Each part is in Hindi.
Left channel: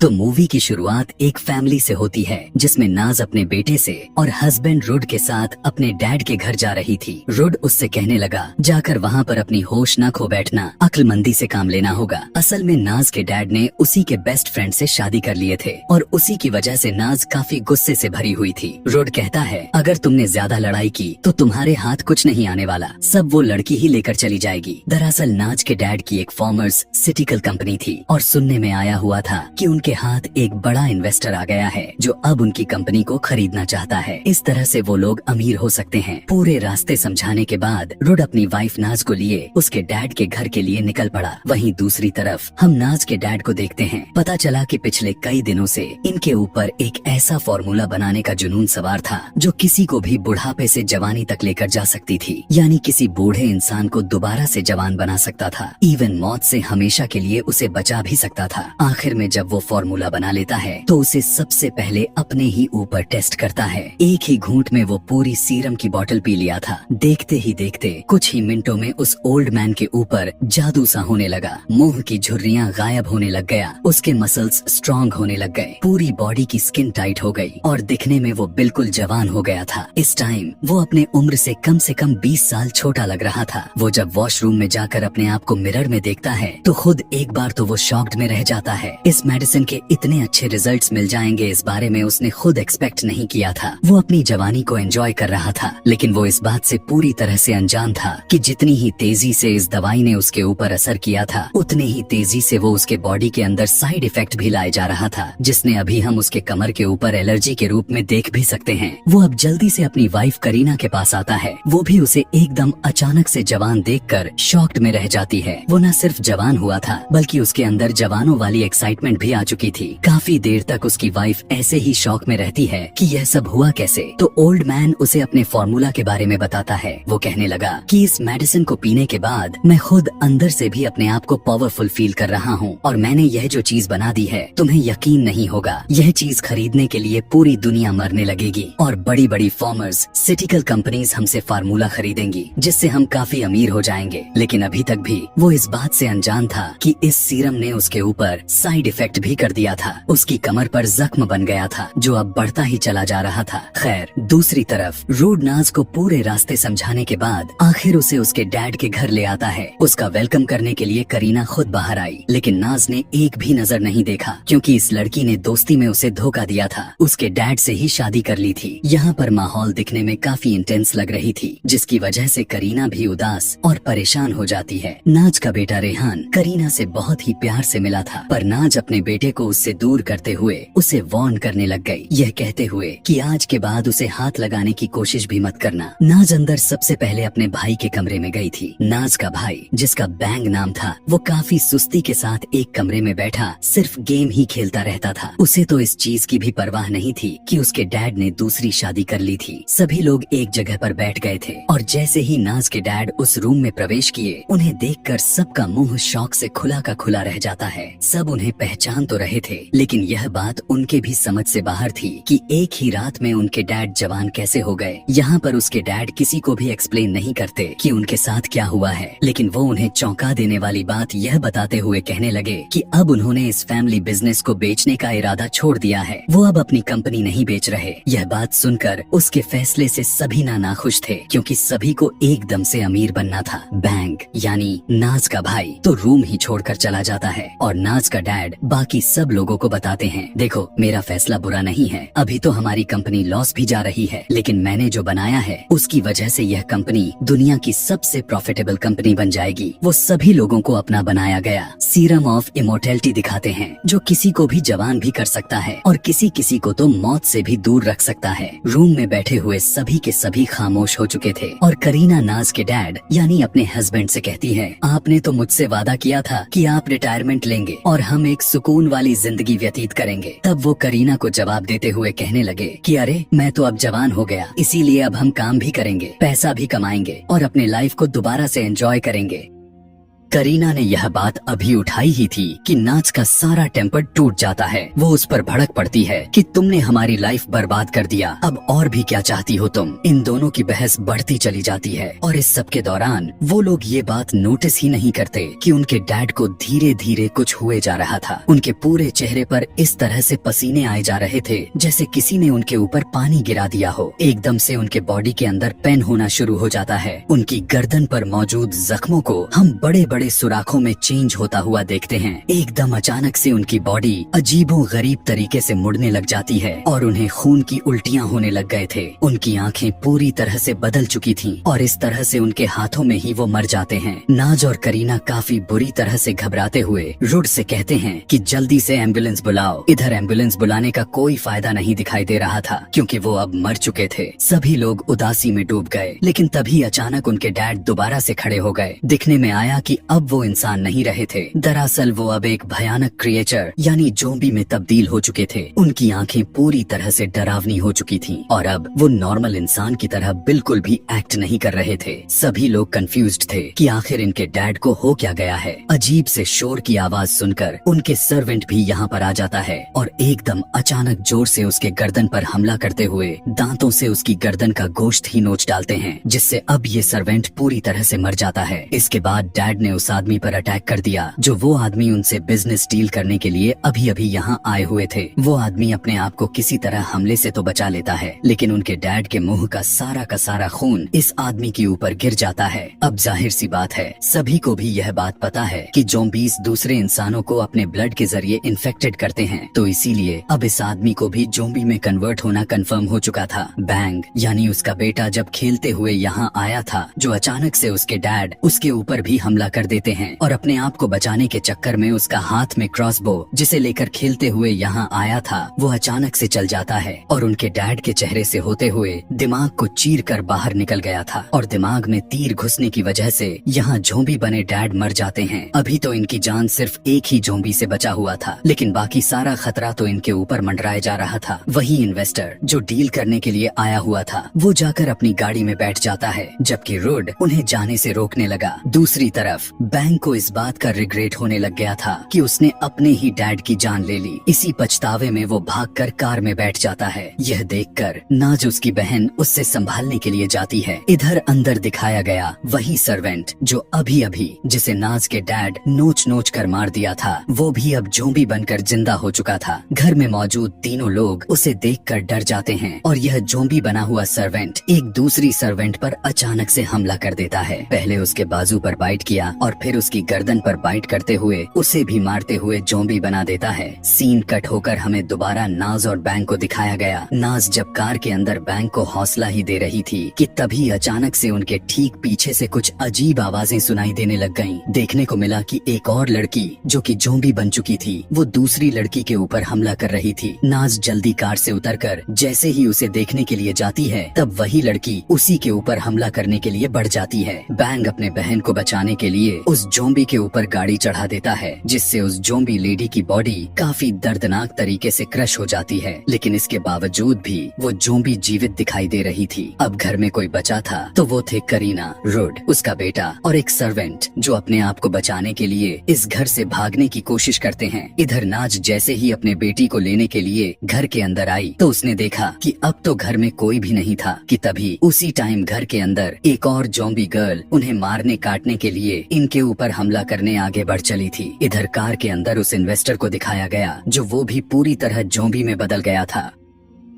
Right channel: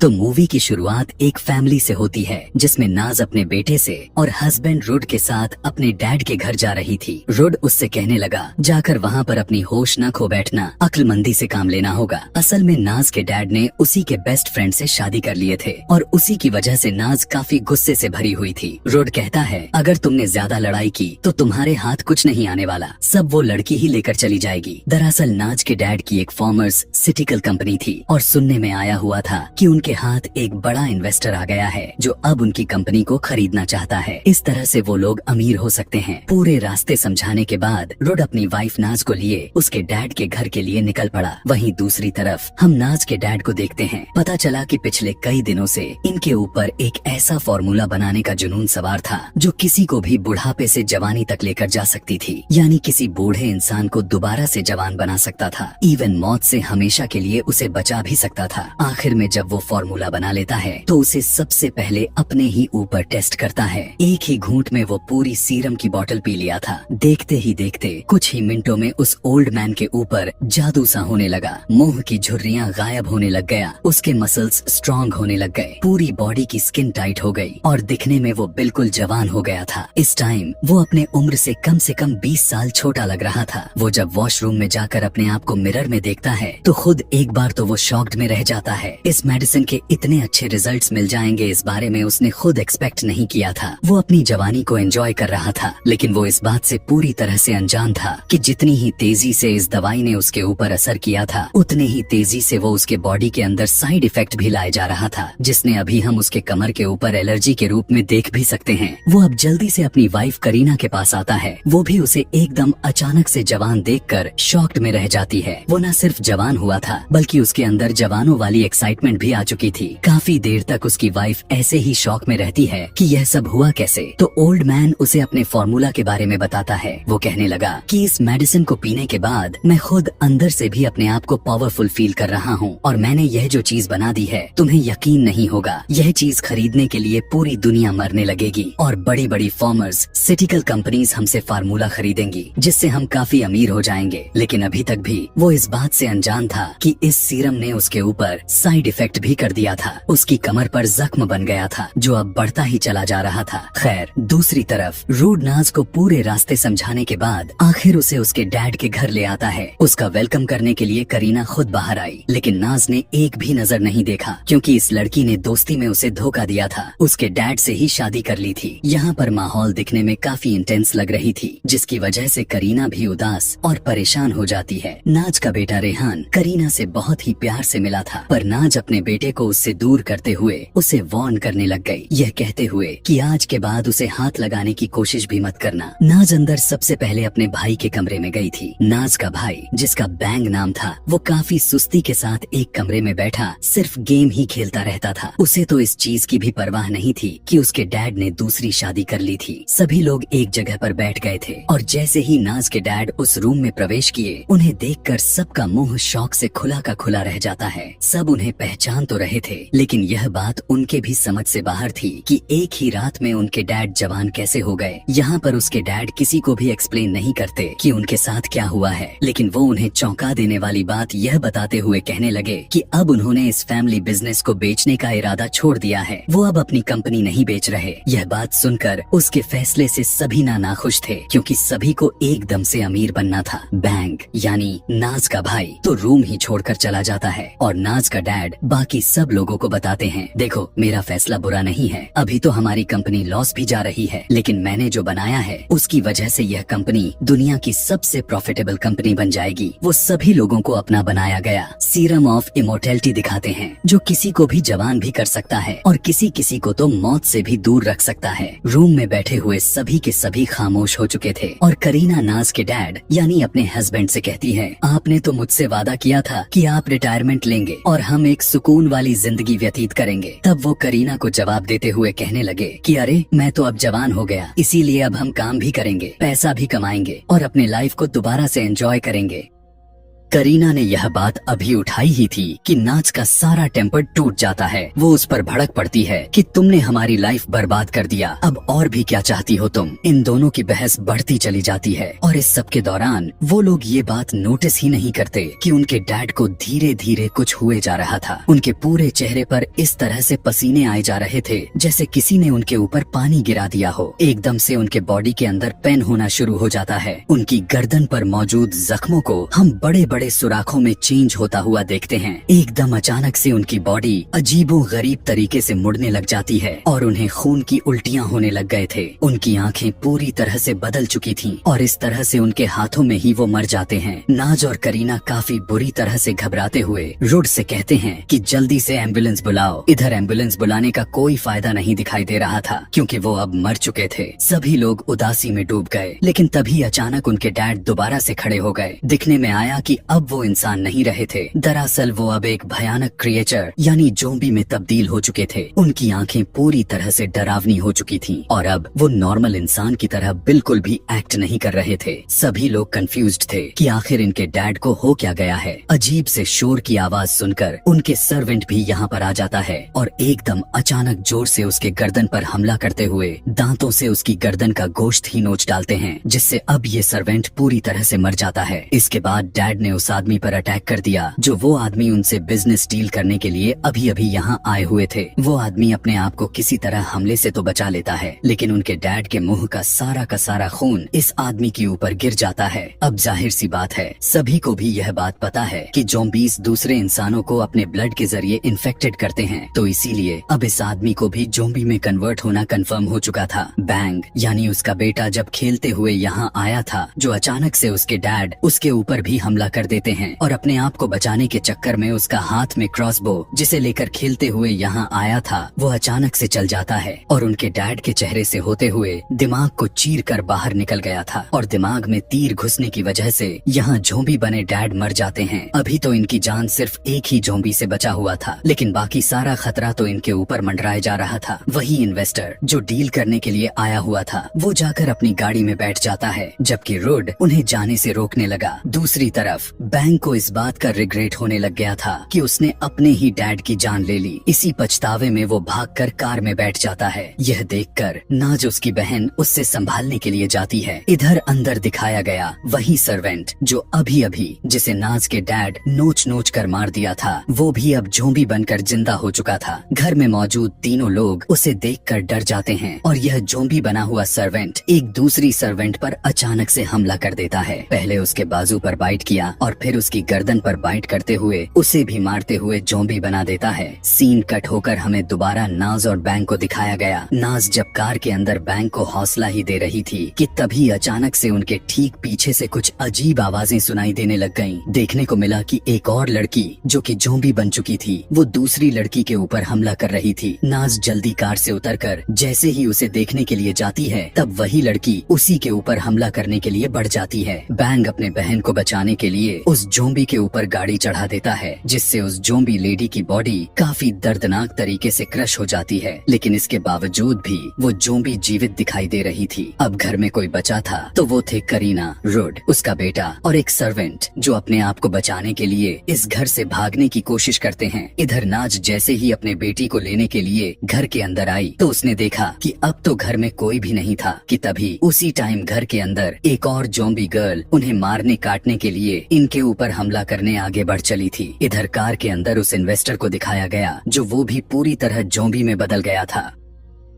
तो मूवी की शुरुआत एक फैमिली से होती है जिसमें नाज अपने बेटे से और हस्बैंड रुड के साथ अपने डैड के घर जा रही थी। रुड उससे कहने लगा, जाकर वहाँ पर अपनी होश न खो बैठना, अक्लमंदी से काम लेना होगा। असल में नाज के डैड ने उसी के बेस्ट फ्रेंड से शादी कर लिए थे और उसी की वजह से नाज काफी गुस्से से भरी हुई थी। रुड कहता है, अगर तुमने ज्यादा लड़ाई की तो तुम्हारे हाथ कुछ नहीं आने वाला, सब वो लड़की ही लेकर चली जाएगी। दरअसल नाज के डैड की एक फॉर्मर्स सिटिकल कंपनी थी और सुनने में आया हुआ था कि उनके हाथ एक बड़ा इन्वेस्टर आ गया है जो अब उनकी कंपनी को खरीदना चाहता है। इस तरह से वो लोग अमीर हो सकते हैं। पूरे रास्ते समझाने के बाद रुड अपनी वाइफ नाज को लिए उसके डैड के घर के लिए निकल पड़ा। वहीं दूसरी तरफ हम नाज के डैड को देखते हैं। पता चला कि पिछले कई दिनों से इनके ऊपर एक ऐसा फॉर्मूला बनाने का जुनून सवार था जो किसी को भी बुढ़ापे से जवानी तक लेकर जा सकती थी, यानी किसी बूढ़े इंसान को दोबारा से जवान बना सकता था, इवन मौत से हमेशा के लिए उसे बचा भी सकता था। आखिर में जब वो फॉर्मूला बना लेता है तो उसे सबसे पहले अपने ही ऊपर टेस्ट करता है। एक ही घूंट में वो पूरी सीरम की बोतल पी लिया था। देखते ही देखते कुछ ही मिनटों में उस ओल्ड मैन के ऊपर जादू सा होने लगा। मुंह की झुर्रियां गायब होने लग गया, उसके मसल्स स्ट्रॉन्ग होने लग गए, पूरी बॉडी की स्किन टाइट हो गई और दिखने में वो बिल्कुल जवान हो गया था। इस टाइम वो अपने उम्र से कम 20 साल छोटा लग रहा था। वो जब वॉशरूम में जाकर अपने आप को मिरर में देखता है तो खुद एक बार तो वो शॉक्ड में रह जाता है। इस मेडिसिन के इतने अच्छे रिजल्ट्स मिल जाएंगे इस बारे में उसने खुद एक्सपेक्ट नहीं किया था। वो अपनी जवानी को एंजॉय कर रहा था, लेकिन वो इस बात से पूरी तरह से अनजान था कि जितनी ही तेजी से इस दवाई ने उसके ऊपर असर किया था उतनी ही तेजी से वो उसके बॉडी के अंदर साइड इफेक्ट भी लाए जा रहा था, जिसने अभी हम उसके कमर के ऊपर एलर्जी के रूप में देख भी सकते हैं। वो अब जल्दी से अपनी वाइफ करीना के पास आता है। वो भी उसे एकदम अचानक से जवान देखकर शॉक्ड में रह जाती है। वो न सिर्फ जवान हुआ था बल्कि उसके अंदर जवानों वाली एक्साइटमेंट भी आ चुकी थी। काफी देर तक उसकी वाइफ ऐसे ही शॉक में रहती है कि यह सब हुआ कैसे। तो ओल्ड मैन उसे अपने फॉर्मूला के बारे में बताता है। वो कहने लगा कि इस मेडिसिन को पीने के बाद मैं खुद अंदर से भी अपने आप को पावरफुल फील कर रहा हूँ और मैंने यह जो चीज बना दी है तुम्हें यकीन नहीं होगा, यह चीज खरीदने के लिए पूरी दुनिया मरने लगेगी और बड़ी बड़ी फॉर्मर्स सिटिकल कंपनीज हमसे फार्मूला खरीदेंगी जिससे हम काफी अमीर हो जाएंगे। लेकिन अभी तक भी वो इस बात से अनजान था कि इस सीरम ने उसके ऊपर साइड इफेक्ट भी कर दिया था। उसकी कमर पर जख्म बन गया था जो अब बढ़ता ही चला जा रहा था। खैर, दूसरी तरफ रूड नाज को पूरे रास्ते समझाने के बाद आखिर उसे उसके डैड के घर ले आता है। उसका वेलकम करने के लिए करीना खुद बाहर आई, लेकिन नाज ने एक भी नजर नहीं देखा क्योंकि इस लड़की ने दोस्ती में उसे धोखा दिया था। उसके डैड से ही शादी कर ली थी। यहाँ पर माहौल दिखने में काफी इंटेंस लग रही थी जिसकी वजह से करीना भी उदास और परेशान हो जाती है। नाज का बेटा रेहान करीना से बहुत ही प्यार से मिला था, पर नाज अपने बेटे को उससे दूर करते हुए उसे वार्न करने लग गई, यह कहते हुए कि आज के बाद उसे हाथ लगाने की कोशिश भी मत करना। नाज अंदर सबसे पहले अपने भाई के कमरे में गई थी। नाज का भाई, जिसका बैंग नाम था, वो काफी सुस्ती के साथ एक कमरे में बैठा सिर्फ गेम ही खेलता रहता था। उसे तो इस चीज की भी परवाह नहीं थी कि उसके डैड ने दूसरी शादी कर ली थी। सभी लोग एक जगह पर बैठ गए थे और जैसे ही नाज के डैड उस रूम में प्रवेश किए, उन्हें देखकर सबका मुंह शौक से खुला का खुला रह जाता है। सब उन्हें पहचान तो रहे थे, लेकिन यह बात उनके भी समझ से बाहर थी कि एक ही रात में उनके डैड जवान कैसे हो गए। यहाँ पर उसके डैड किसी को भी एक्सप्लेन नहीं करते कि उनके साथ क्या हुआ है, लेकिन वो उन्हें चौंका देने वाली बात यह बताते हुए कहने लगे कि अब उन्होंने इस फैमिली बिजनेस को बेचने का इरादा छोड़ दिया है। वो अब अपनी कंपनी नहीं बेच रहे। यह बात सुनकर उसके फैसले से सभी नाखुश थे क्योंकि सभी को एकदम से अमीर बनना था। बैंक यानी नाज का भाई तो रूम ही छोड़कर चला जाता है और नाज का डैड बाकी सब लोगों को बताते हैं, देखो मेरा फैसला बुरा नहीं है, अभी तो हमारी कंपनी लॉस भी जा रही है, लेकिन मैंने जो बनाया है उसकी वजह से यह कंपनी दुनिया की सबसे प्रॉफिटेबल कंपनी बन जाएगी। वो सभी लोगों को अपना बनाया गया सीरम ऑफ इमोर्टैलिटी दिखाते हैं जो किसी को भी जवान भी कर सकता है और किसी किसी को तो मौत से भी दूर रख सकता है। रूम में बैठे हुए सभी के सभी खामोश हो चुके थे और करीना नाज के डैड यानी अपने हस्बैंड से कहती है, आपने तो मुझसे वादा किया था कि आप रिटायरमेंट लेंगे और हम एक सुकून वाली जिंदगी व्यतीत करेंगे। तब वो करीना को जवाब देते हुए कहने लगे कि अरे मैं तो अब जवान हो गया, इसीलिए अब हम काम भी करेंगे, पैसा भी कमाएंगे और अपने लाइफ को दोबारा से एंजॉय करेंगे। करीना ने यह बात अभी उठाई ही थी कि नाज का सारा टेम्पर टूट जाता है। वो उस पर भड़क पड़ती है कि तुमने हमारी लाइफ बर्बाद कर दिया, अब और भी क्या चाहती हो तुम। इन दोनों की बहस बढ़ती चली जाती है और इस सब के दौरान वो लोग ये बात नोटिस ही नहीं करते कि उनके डैड को धीरे धीरे कुछ हुए जा रहा था। उनके पूरे चेहरे पर इस तरह से पसीने आए जा रहे थे जैसे किसी ने उनके ऊपर पानी गिरा दिया हो। एकदम से उनके बॉडी के अंदर पेन होना शुरू हो जाता है। उनकी गर्दन पर मौजूद जख्मों को हम बड़े बड़े सुराखों में चेंज होता हुआ देखते हैं। एकदम अचानक से उनकी बॉडी अजीबो गरीब तरीके से मुड़ने लग जाती है और उन्हें खून की उल्टियां होने लग गए थे। उनकी आंखें पूरी तरह से बदल चुकी थीं और इस तरह से उनके हाथों में ही वो मर जाते हैं। नाज और करीना काफी बुरी तरह से घबराते हुए रुड से कहते हैं कि जल्दी से एम्बुलेंस बुलाओ। इधर एम्बुलेंस बुलाने का कोई फायदा नहीं दिखाई दे रहा था क्योंकि वो अब मर चुके थे। सभी लोग उदासी में डूब गए, लेकिन तभी अचानक उनके डैड दोबारा से खड़े हो गए। दिखने में आया कि अब वो इंसान नहीं रहे थे। दरअसल वो अब एक भयानक क्रिएचर यानी ज़ॉम्बी में तब्दील हो चुके थे। उनकी आंखें पूरी तरह से डरावनी हो चुकी थीं और अब वो नॉर्मल इंसान की तरह बिल्कुल भी एक्ट नहीं कर रहे थे। सभी लोग कंफ्यूज्ड थे कि आखिर इनके डैड को हो क्या गया है। अजीब से शोर की आवाज सुनकर उनके सर्वेंट भी यहाँ पर आ जाता है और एकदम अचानक जोर से उसके गर्दन पर हमला करते हुए दांतों से उसकी गर्दन का गोश्त ही नोच डालते हैं, जिससे अब ये सर्वेंट पूरी तरह से मर जाता है। इसके बाद डैड ने उस आदमी पर अटैक कर दिया जो वो आदमी उनसे बिजनेस डील करने के लिए अभी अभी यहाँ आए हुए थे। वो आदमी अपने आप को किसी तरह हमले से तो बचा लेता है, लेकिन उनके डैड के मुंह का सारा खून इस आदमी के ऊपर गिर जाता है। अब जाहिर सी बात है, सभी को भी यह बात पता है कि ज़ॉम्बीज़ दूसरे इंसानों को अपने ब्लड के जरिए इन्फेक्टेड करते हैं, तो इसीलिए अब इस आदमी को भी ज़ॉम्बी में कन्वर्ट होना कंफर्म हो चुका था। बैंग यानी उसका बेटा जब खेलते हुए यहाँ आया था, जो अचानक से उसके डैड उसके ऊपर भी हमला कर देते हैं और अपने आप को बचाने के चक्कर में उसका हाथ में क्रॉसबो जिसे लेकर खेलते हुए यहाँ आया था वो अचानक से चल जाता है और उनके डैड के चेहरे से होते हुए दिमाग को चीर कर बाहर निकल गया था और दिमाग में तीर घुसने की वजह से यहाँ ज़ॉम्बी बने डैड मर जाते हैं। अभी तो इनकी जान सिर्फ एक ही ज़ॉम्बी से बचा हुआ था, लेकिन बाकी सारा खतरा तो इनके ऊपर मंडराया जा रहा था। वही इन्वेस्टर जो डील करने के लिए आया हुआ था वो जाकर अपनी गाड़ी में बैठ जाता है, जबकि रुड उन्हें जाने से रोकने लगा। दूसरी तरफ बैंक को इस बात का रिग्रेट होने लग गया था कि उसने अपने ही डैड की जान ले ली। इसी पछतावे में वो भागकर कार में बैठ जाता है। यह देखकर नाज उसकी बहन उससे संभालने के लिए जाती है। इधर अंदर दिखाया गया वही सर्वेंट जो अभी अभी जिसे नाज के डैड नोच नोच कर मार दिया था, वो भी अब ज़ॉम्बी बनकर जिंदा हो चुका था। घर में मौजूद तीनों लोग उसे देखकर डर जाते हैं और यह ज़ॉम्बी बना हुआ सर्वेंट एक दूसरी सर्वेंट पर अचानक से हमला कर देता है। पहले उसके बाजू पर बाइट किया और फिर उसकी गर्दन पर बाइट करते हुए उसे भी मारते हुए ज़ॉम्बी बना देता है। सीन कट होकर हमें दोबारा नाज और बैंक को दिखाया गया। नाज जब कार के अंदर बैंक को हौसला ही दे रही थी कि तभी अचानक से उनके ठीक पीछे से कुछ अजीब आवाजें सुनाई देने लग गईं। देखने को मिला कि एक और लड़की जो कि ज़ॉम्बी बन चुकी थी वो दूसरी लड़की के ऊपर हमला कर रही थी। नाज जल्दी कार से उतरकर जैसे ही उसे देखने के लिए जाती है तब वही लड़की उसी के ऊपर हमला करने के लिए बढ़ जाती है। बैंग अपने बहन को बचाने के लिए उस ज़ॉम्बी के ऊपर गाड़ी चढ़ा देता है, जिससे उस ज़ॉम्बी लेडी की बॉडी काफी दर्दनाक तरीके से क्रश हो जाती है, लेकिन इसके बावजूद भी वो ज़ॉम्बी जीवित दिखाई दे रही थी। अब घर में कोई बचा था तो वो थे करीना, रुड, उसका बेटा और एक सर्वेंट जो अपने आप को बचाने के लिए इस घर से भागने की कोशिश करते हैं। इधर नाज जैसे ही अपने बेटी को लेने के लिए घर के अंदर आई तो उसने देखा कि अब तो घर में कोई भी नहीं था कि तभी उसी टाइम घर के अंदर एक और ज़ॉम्बी गर्ल उन्हें मारने काटने के लिए इनके ऊपर हमला करने आगे बढ़ चली थी। इधर कार के अंदर उस इन्वेस्टर को दिखाया गया जो वो भी पूरी तरह ज़ॉम्बी में बदल गया था।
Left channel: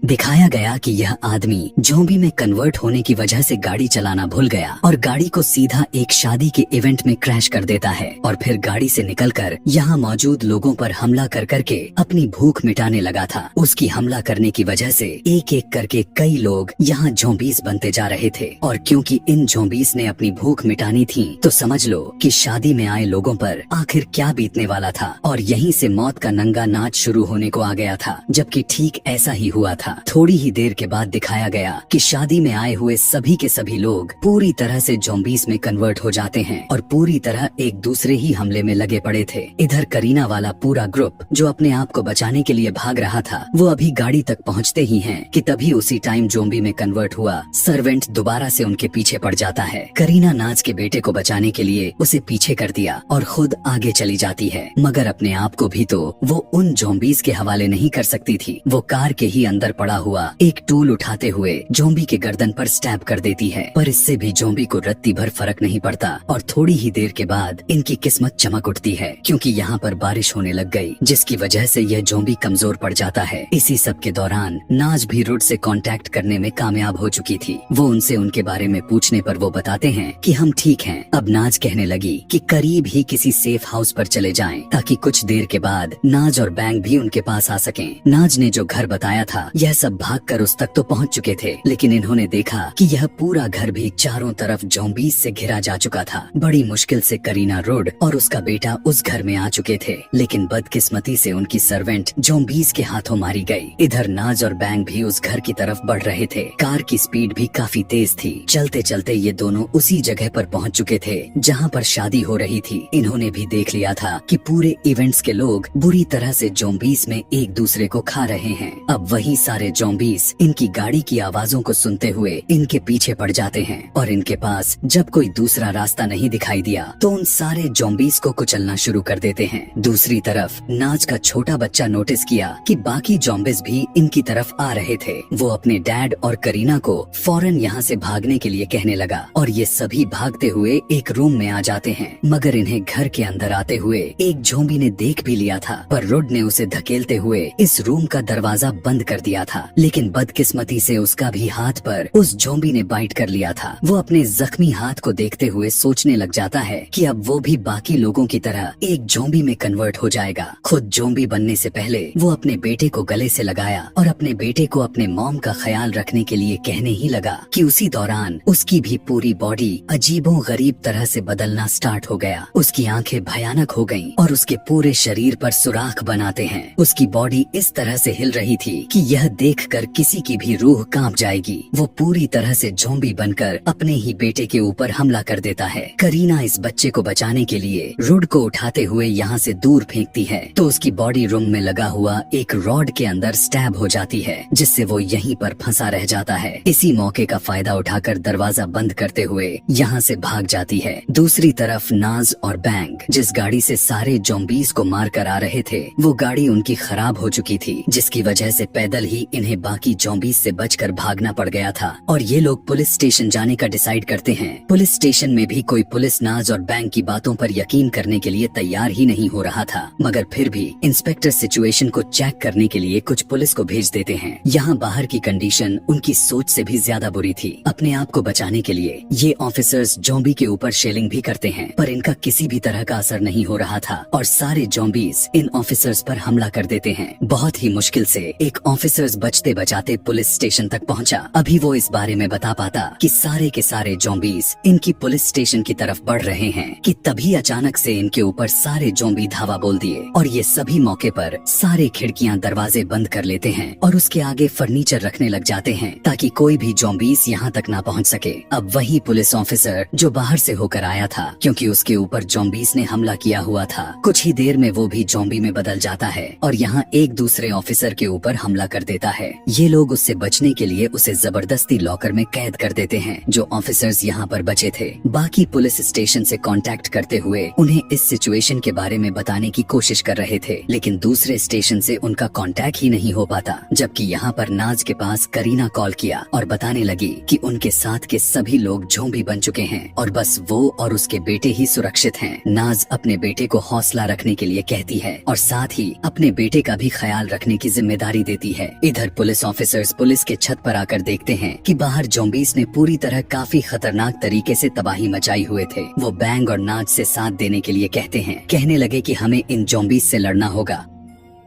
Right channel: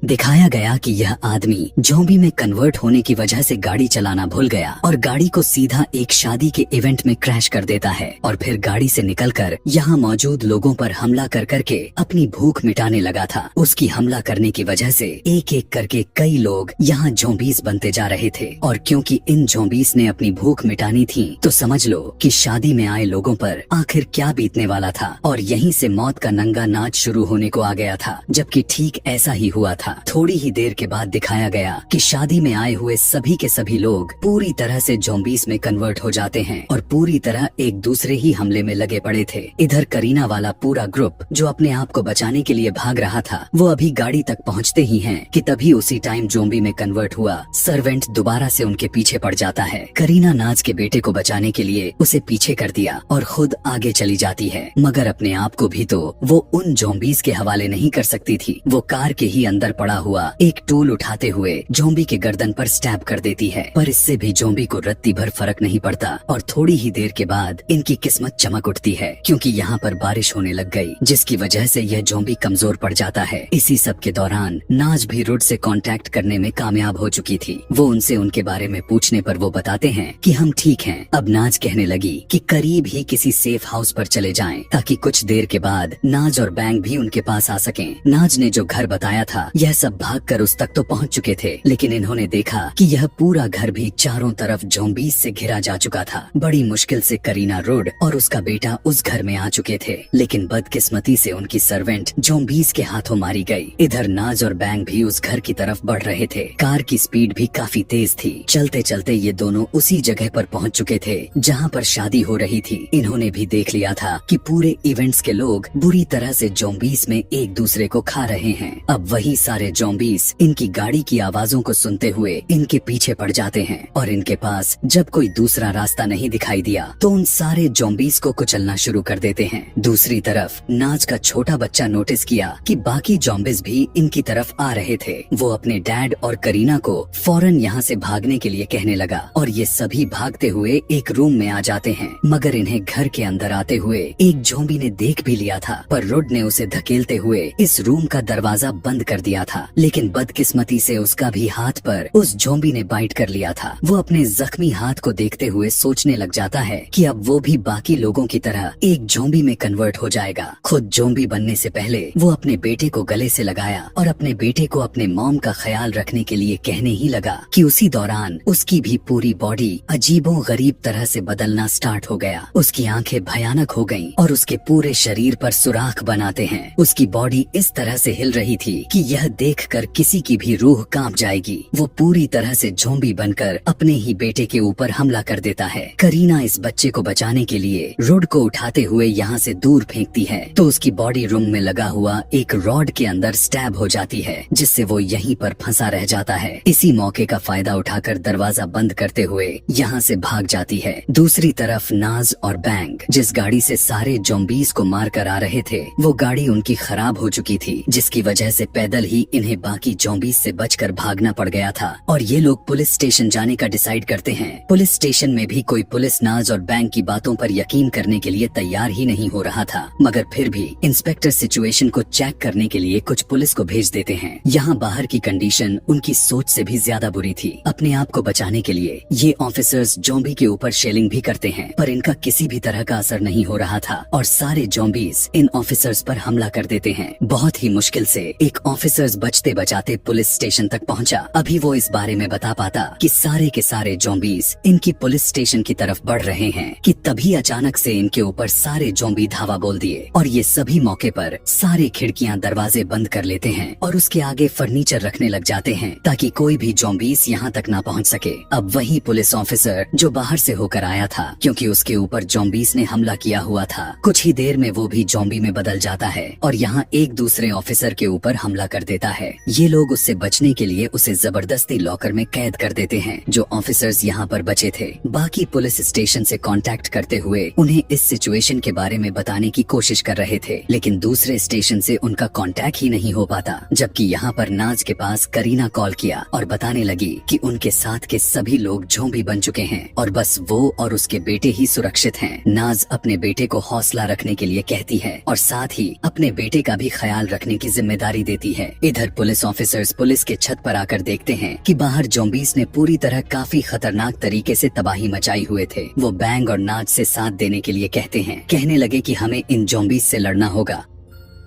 दिखाया गया कि यह आदमी ज़ॉम्बी में कन्वर्ट होने की वजह से गाड़ी चलाना भूल गया और गाड़ी को सीधा एक शादी के इवेंट में क्रैश कर देता है और फिर गाड़ी से निकलकर यहाँ मौजूद लोगों पर हमला कर करके अपनी भूख मिटाने लगा था। उसकी हमला करने की वजह से एक एक करके कई लोग यहाँ ज़ॉम्बीज़ बनते जा रहे थे और क्योंकि इन ज़ॉम्बीज़ ने अपनी भूख मिटानी थी तो समझ लो कि शादी में आए लोगों पर आखिर क्या बीतने वाला था और यहीं से मौत का नंगा नाच शुरू होने को आ गया था, जबकि ठीक ऐसा ही हुआ था। था। थोड़ी ही देर के बाद दिखाया गया कि शादी में आए हुए सभी के सभी लोग पूरी तरह से ज़ॉम्बीज़ में कन्वर्ट हो जाते हैं और पूरी तरह एक दूसरे ही हमले में लगे पड़े थे। इधर करीना वाला पूरा ग्रुप जो अपने आप को बचाने के लिए भाग रहा था, वो अभी गाड़ी तक पहुंचते ही हैं कि तभी उसी टाइम ज़ॉम्बी में कन्वर्ट हुआ सर्वेंट दोबारा से उनके पीछे पड़ जाता है। करीना नाज के बेटे को बचाने के लिए उसे पीछे कर दिया और खुद आगे चली जाती है, मगर अपने आप को भी तो वो उन ज़ॉम्बीज़ के हवाले नहीं कर सकती थी। वो कार के ही अंदर पड़ा हुआ एक टूल उठाते हुए ज़ॉम्बी के गर्दन पर स्टैब कर देती है, पर इससे भी ज़ॉम्बी को रत्ती भर फर्क नहीं पड़ता और थोड़ी ही देर के बाद इनकी किस्मत चमक उठती है, क्योंकि यहाँ पर बारिश होने लग गई, जिसकी वजह से यह ज़ॉम्बी कमजोर पड़ जाता है। इसी सब के दौरान नाज भी रुड से कांटेक्ट करने में कामयाब हो चुकी थी। वो उनसे उनके बारे में पूछने पर वो बताते हैं कि हम ठीक हैं। अब नाज कहने लगी कि करीब ही किसी सेफ हाउस पर चले जाएं, ताकि कुछ देर के बाद नाज और बैंग भी उनके पास आ सकें। नाज ने जो घर बताया था, यह सब भागकर उस तक तो पहुंच चुके थे, लेकिन इन्होंने देखा कि यह पूरा घर भी चारों तरफ ज़ॉम्बीज़ से घिरा जा चुका था। बड़ी मुश्किल से करीना, रुड और उसका बेटा उस घर में आ चुके थे, लेकिन बदकिस्मती से उनकी सर्वेंट ज़ॉम्बीज़ के हाथों मारी गई। इधर नाज और बैंग भी उस घर की तरफ बढ़ रहे थे। कार की स्पीड भी काफी तेज थी। चलते चलते ये दोनों उसी जगह पर पहुंच चुके थे जहां पर शादी हो रही थी। इन्होंने भी देख लिया था कि पूरे इवेंट्स के लोग बुरी तरह से ज़ॉम्बीज़ में एक दूसरे को खा रहे हैं। अब वही सारे ज़ॉम्बीज़ इनकी गाड़ी की आवाजों को सुनते हुए इनके पीछे पड़ जाते हैं और इनके पास जब कोई दूसरा रास्ता नहीं दिखाई दिया तो उन सारे ज़ॉम्बीज़ को कुचलना शुरू कर देते हैं। दूसरी तरफ नाज का छोटा बच्चा नोटिस किया कि बाकी ज़ॉम्बीज़ भी इनकी तरफ आ रहे थे। वो अपने डैड और करीना को फौरन यहाँ से भागने के लिए कहने लगा और ये सभी भागते हुए एक रूम में आ जाते हैं, मगर इन्हें घर के अंदर आते हुए एक ज़ॉम्बी ने देख भी लिया था, पर रुड ने उसे धकेलते हुए इस रूम का दरवाजा बंद कर दिया था। लेकिन बदकिस्मती से उसका भी हाथ पर उस ज़ॉम्बी ने बाइट कर लिया था। वो अपने जख्मी हाथ को देखते हुए सोचने लग जाता है कि अब वो भी बाकी लोगों की तरह एक ज़ॉम्बी में कन्वर्ट हो जाएगा। खुद ज़ॉम्बी बनने से पहले वो अपने बेटे को गले से लगाया और अपने बेटे को अपने मॉम का ख्याल रखने के लिए कहने ही लगा कि उसी दौरान उसकी भी पूरी बॉडी अजीबो गरीब तरह से बदलना स्टार्ट हो गया। उसकी आंखें भयानक हो गईं और उसके पूरे शरीर पर सुराख बनाते हैं। उसकी बॉडी इस तरह से हिल रही थी कि यह देखकर किसी की भी रूह कांप जाएगी। वो पूरी तरह से ज़ॉम्बी बनकर अपने ही बेटे के ऊपर हमला कर देता है। करीना इस बच्चे को बचाने के लिए रुड को उठाते हुए यहाँ से दूर फेंकती है तो उसकी बॉडी रूम में लगा हुआ एक रॉड के अंदर स्टैब हो जाती है, जिससे वो यहीं पर फंसा रह जाता है। इसी मौके का फायदा उठाकर दरवाजा बंद करते हुए यहाँ से भाग जाती है। दूसरी तरफ नाज और बैंग जिस गाड़ी से सारे ज़ॉम्बीज़ को मार कर आ रहे थे, वो गाड़ी उनकी खराब हो चुकी थी, जिसकी वजह से पैदल ही इन्हें बाकी ज़ॉम्बीज़ से बचकर भागना पड़ गया था। और ये लोग पुलिस स्टेशन जाने का डिसाइड करते हैं। पुलिस स्टेशन में भी कोई पुलिस नाज और बैंग की बातों पर यकीन करने के लिए तैयार ही नहीं हो रहा था, मगर फिर भी इंस्पेक्टर सिचुएशन को चेक करने के लिए कुछ पुलिस को भेज देते हैं। यहाँ बाहर की कंडीशन उनकी सोच से भी ज्यादा बुरी थी। अपने आप को बचाने के लिए ये ऑफिसर्स ज़ॉम्बी के ऊपर शेलिंग भी करते हैं, पर इनका किसी भी तरह का असर नहीं हो रहा था और सारे ज़ॉम्बीज़ इन ऑफिसर्स पर हमला कर देते हैं। बहुत ही मुश्किल से एक ऑफिसर्स बचते बचाते पुलिस स्टेशन तक पहुँचा। अभी वो इस बारे में बता पाता कि सारे के सारे ज़ॉम्बीज़ इनकी पुलिस स्टेशन की तरफ बढ़ रहे हैं कि तभी अचानक से इनके ऊपर सारे ज़ॉम्बी धावा बोल दिए और ये सभी मौके पर सारे खिड़कियां दरवाजे बंद कर लेते हैं और उसके आगे फर्नीचर रखने लग जाते हैं ताकि कोई भी ज़ॉम्बीज़ यहाँ तक ना पहुँच सके। अब वही पुलिस ऑफिसर जो बाहर से होकर आया था, क्योंकि उसके ऊपर ज़ॉम्बीज़ ने हमला किया हुआ था, कुछ ही देर में वो भी ज़ॉम्बी में बदल जाता है और यहाँ एक दूसरे ऑफिसर के ऊपर हमला कर देता है। ये लोग उससे बचने के लिए उसे जबरदस्ती लॉकर में कैद कर देते हैं। जो ऑफिसर्स यहाँ पर बचे थे बाकी पुलिस स्टेशन से कांटेक्ट करते हुए उन्हें इस सिचुएशन के बारे में बताने की कोशिश कर रहे थे, लेकिन दूसरे स्टेशन से उनका कांटेक्ट ही नहीं हो पाता। जबकि यहाँ पर नाज के पास करीना कॉल किया और बताने लगी कि उनके साथ के सभी लोग ज़ॉम्बी बन चुके हैं और बस वो और उसके बेटे ही सुरक्षित हैं। नाज अपने बेटे को हौसला रखने के लिए कहती है और साथ ही अपने बेटे का भी ख्याल रखने की जिम्मेदारी देती है। इधर पुलिस ऑफिसर्स पुलिस के छत पर आकर देखते हैं कि बाहर ज़ॉम्बीज़ ने पूरी तरह काफी खतरनाक तरीके से तबाही मचाई हुए थे। वो बैंग और नाज से साथ देने के लिए कहते हैं। कहने लगे कि हमें इन ज़ॉम्बीज़ से लड़ना होगा।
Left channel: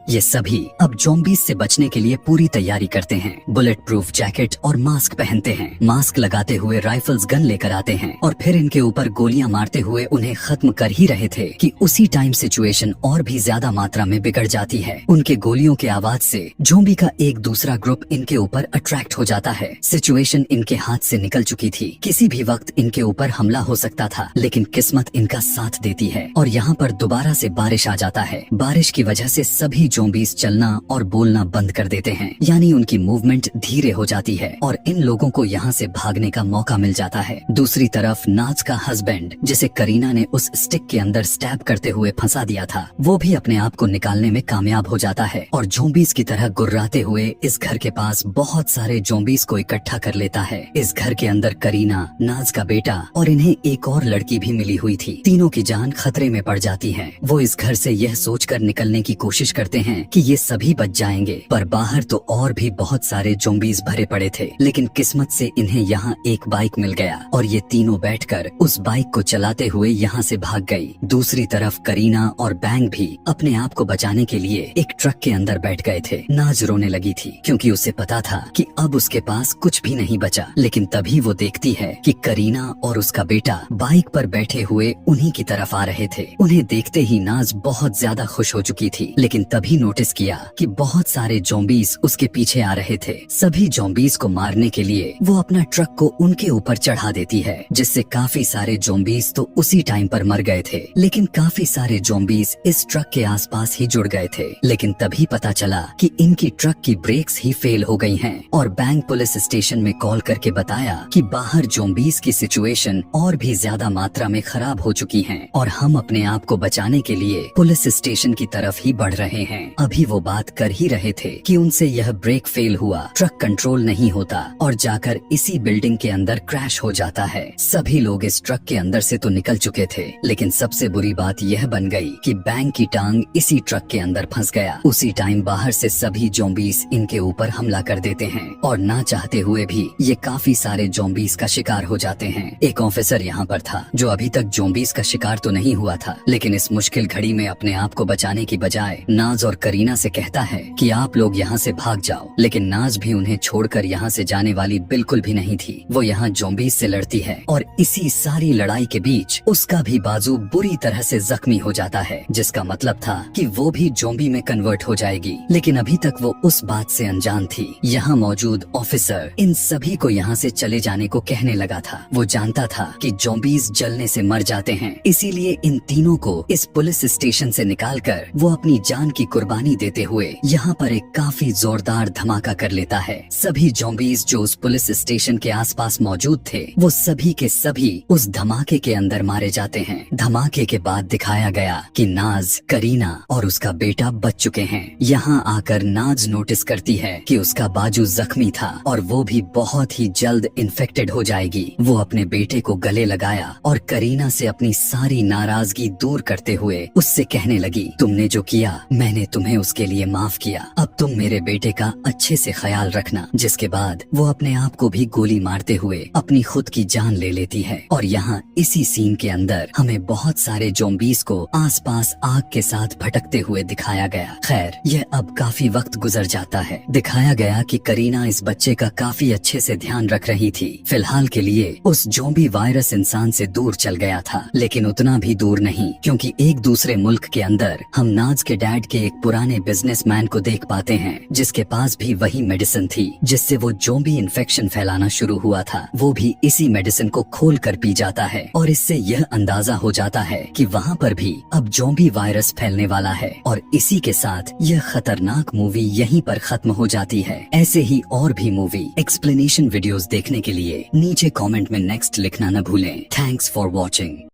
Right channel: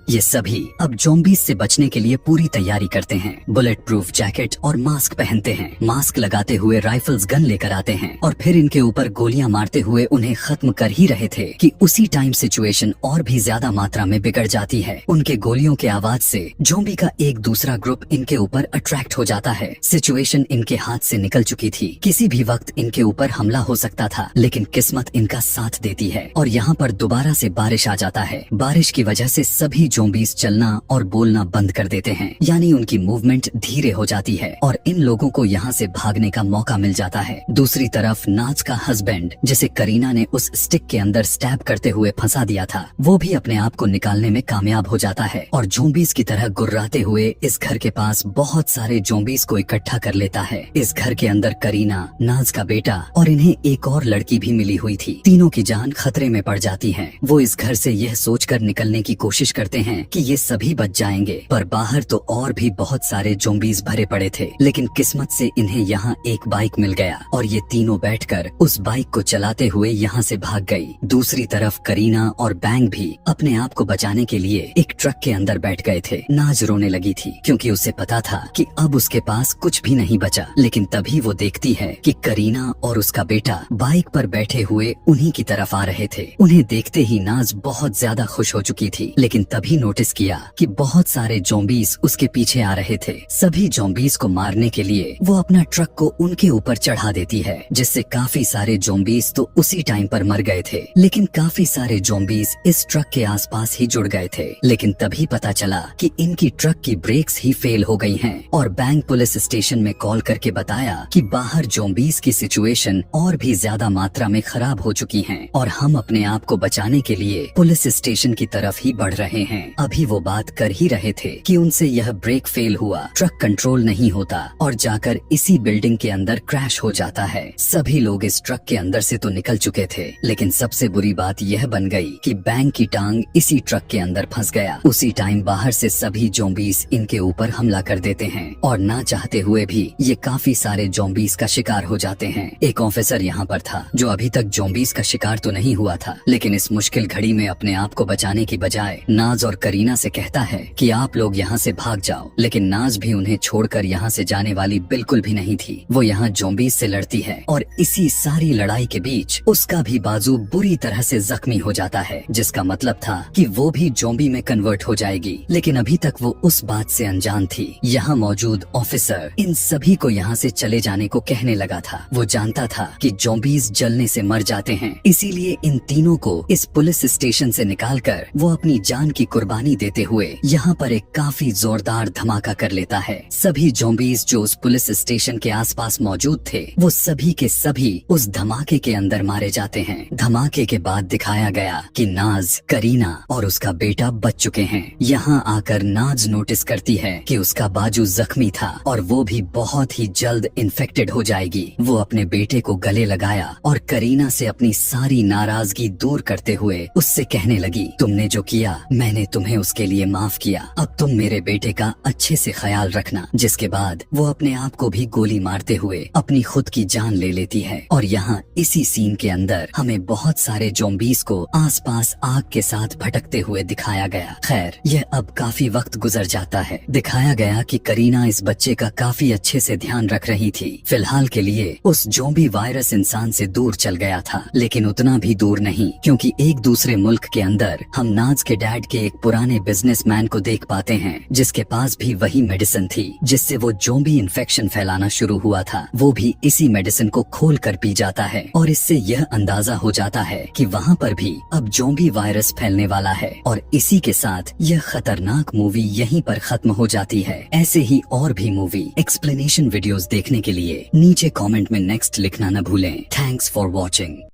ये सभी अब ज़ॉम्बीज से बचने के लिए पूरी तैयारी करते हैं। बुलेट प्रूफ जैकेट और मास्क पहनते हैं। मास्क लगाते हुए राइफल्स गन लेकर आते हैं और फिर इनके ऊपर गोलियां मारते हुए उन्हें खत्म कर ही रहे थे कि उसी टाइम सिचुएशन और भी ज्यादा मात्रा में बिगड़ जाती है। उनके गोलियों के आवाज से ज़ॉम्बी का एक दूसरा ग्रुप इनके ऊपर अट्रैक्ट हो जाता है। सिचुएशन इनके हाथ से निकल चुकी थी। किसी भी वक्त इनके ऊपर हमला हो सकता था, लेकिन किस्मत इनका साथ देती है और यहाँ पर दोबारा से बारिश आ जाता है। बारिश की वजह से सभी ज़ॉम्बीज चलना और बोलना बंद कर देते हैं, यानी उनकी मूवमेंट धीरे हो जाती है और इन लोगों को यहाँ से भागने का मौका मिल जाता है। दूसरी तरफ नाज का हस्बैंड, जिसे करीना ने उस स्टिक के अंदर स्टैब करते हुए फंसा दिया था, वो भी अपने आप को निकालने में कामयाब हो जाता है और ज़ॉम्बीज की तरह गुर्राते हुए इस घर के पास बहुत सारे ज़ॉम्बीज को इकट्ठा कर लेता है। इस घर के अंदर करीना, नाज का बेटा और इन्हें एक और लड़की भी मिली हुई थी। तीनों की जान खतरे में पड़ जाती है। वो इस घर से यह सोचकर निकलने की कोशिश करते हैं कि ये सभी बच जाएंगे, पर बाहर तो और भी बहुत सारे ज़ॉम्बीज भरे पड़े थे। लेकिन किस्मत से इन्हें यहाँ एक बाइक मिल गया और ये तीनों बैठकर उस बाइक को चलाते हुए यहाँ से भाग गई। दूसरी तरफ करीना और बैंग भी अपने आप को बचाने के लिए एक ट्रक के अंदर बैठ गए थे। नाज रोने लगी थी क्योंकि उसे पता था कि अब उसके पास कुछ भी नहीं बचा। लेकिन तभी वो देखती है कि करीना और उसका बेटा बाइक पर बैठे हुए उन्हीं की तरफ आ रहे थे। उन्हें देखते ही नाज बहुत ज्यादा खुश हो चुकी थी, लेकिन तभी नोटिस किया कि बहुत सारे ज़ॉम्बीज उसके पीछे आ रहे थे। सभी ज़ॉम्बीज को मारने के लिए वो अपना ट्रक को उनके ऊपर चढ़ा देती है, जिससे काफी सारे ज़ॉम्बीज तो उसी टाइम पर मर गए थे। लेकिन काफी सारे ज़ॉम्बीज इस ट्रक के आसपास ही जुड़ गए थे। लेकिन तभी पता चला कि इनकी ट्रक की ब्रेक्स ही फेल हो गई हैं और बैंक पुलिस स्टेशन में कॉल करके बताया कि बाहर ज़ॉम्बीज की सिचुएशन और भी ज्यादा मात्रा में खराब हो चुकी है और हम अपने आप को बचाने के लिए पुलिस स्टेशन की तरफ ही बढ़ रहे हैं। अभी वो बात कर ही रहे थे कि उनसे यह ब्रेक फेल हुआ, ट्रक कंट्रोल नहीं होता और जाकर इसी बिल्डिंग के अंदर क्रैश हो जाता है। सभी लोग इस ट्रक के अंदर से तो निकल चुके थे, लेकिन सबसे बुरी बात यह बन गई कि बैंक की टांग इसी ट्रक के अंदर फंस गया। उसी टाइम बाहर से सभी ज़ॉम्बीज इनके ऊपर हमला कर देते हैं और ना चाहते हुए भी ये काफी सारे ज़ॉम्बीज का शिकार हो जाते हैं। एक ऑफिसर यहाँ पर था जो अभी तक ज़ॉम्बीज का शिकार तो नहीं हुआ था, लेकिन इस मुश्किल घड़ी में अपने आप को बचाने की बजाय नाज और करीना से कहता है कि आप लोग यहाँ से भाग जाओ। लेकिन नाज भी उन्हें छोड़कर यहाँ से जाने वाली बिल्कुल भी नहीं थी। वो यहाँ ज़ॉम्बीज से लड़ती है और इसी सारी लड़ाई के बीच उसका भी बाजू बुरी तरह से जख्मी हो जाता है, जिसका मतलब था कि वो भी ज़ॉम्बी में कन्वर्ट हो जाएगी। लेकिन अभी तक वो उस बात से अनजान थी। यहाँ मौजूद ऑफिसर इन सभी को यहाँ से चले जाने को कहने लगा था। वो जानता था कि ज़ॉम्बीज जलने से मर जाते हैं, इसीलिए इन तीनों को इस पुलिस स्टेशन से निकालकर वो अपनी जान की कुर्बानी देते हुए यहाँ पर एक काफी जोरदार धमाका कर लेता है। सभी ज़ॉम्बीज जो उस पुलिस स्टेशन के आसपास मौजूद थे, वो सभी के सभी उस धमाके के अंदर मारे जाते हैं। धमाके के बाद दिखाया गया कि नाज, करीना और उसका बेटा बच चुके हैं। यहाँ आकर नाज नोटिस करती है कि उसका बाजू जख्मी था और वो भी बहुत ही जल्द इन्फेक्टेड हो जाएगी। वो अपने बेटे को गले लगाया और करीना से अपनी सारी नाराजगी दूर करते हुए उससे कहने लगी, तुमने जो किया मैंने तुम्हें उसके लिए माफ किया, अब तुम मेरे बेटे का अच्छे से ख्याल रखना। जिसके बाद वो अपने आप को भी गोली मारते हुए अपनी खुद की जान ले लेती है। और यहाँ इसी सीन के अंदर हमें बहुत सारे ज़ॉम्बीज को आसपास आग के साथ भटकते हुए दिखाया गया। खैर, यह अब काफी वक्त गुजर जाता है। दिखाया गया कि करीना इस बच्चे का काफी अच्छे से ध्यान रख रही थी। फिलहाल के लिए उस ज़ॉम्बी वायरस इंसान से दूर चल गया था, लेकिन उतना भी दूर नहीं, क्योंकि एक दूसरे मुल्क के अंदर हम नाज के डैड के एक पुराने बिजनेसमैन को देख पाते हैं, जिसके पास भी वही मेडिसिन थी जिससे वो ज़ॉम्बी इन्फेक्शन फैलाना शुरू हुआ था। वो भी इसी मेडिसिन को खोल कर पी जाता है और इससे यह अंदाजा हो जाता है कि वहाँ पर भी अब ज़ॉम्बी वायरस फैलने वाला है। और इसी के साथ यह खतरनाक मूवी यहीं पर खत्म हो जाती है। ऐसे ही और भी मूवी एक्सप्लेनेशन वीडियोस देखने के लिए नीचे कमेंट में नेक्स्ट लिखना न भूलें। Thanks for watching.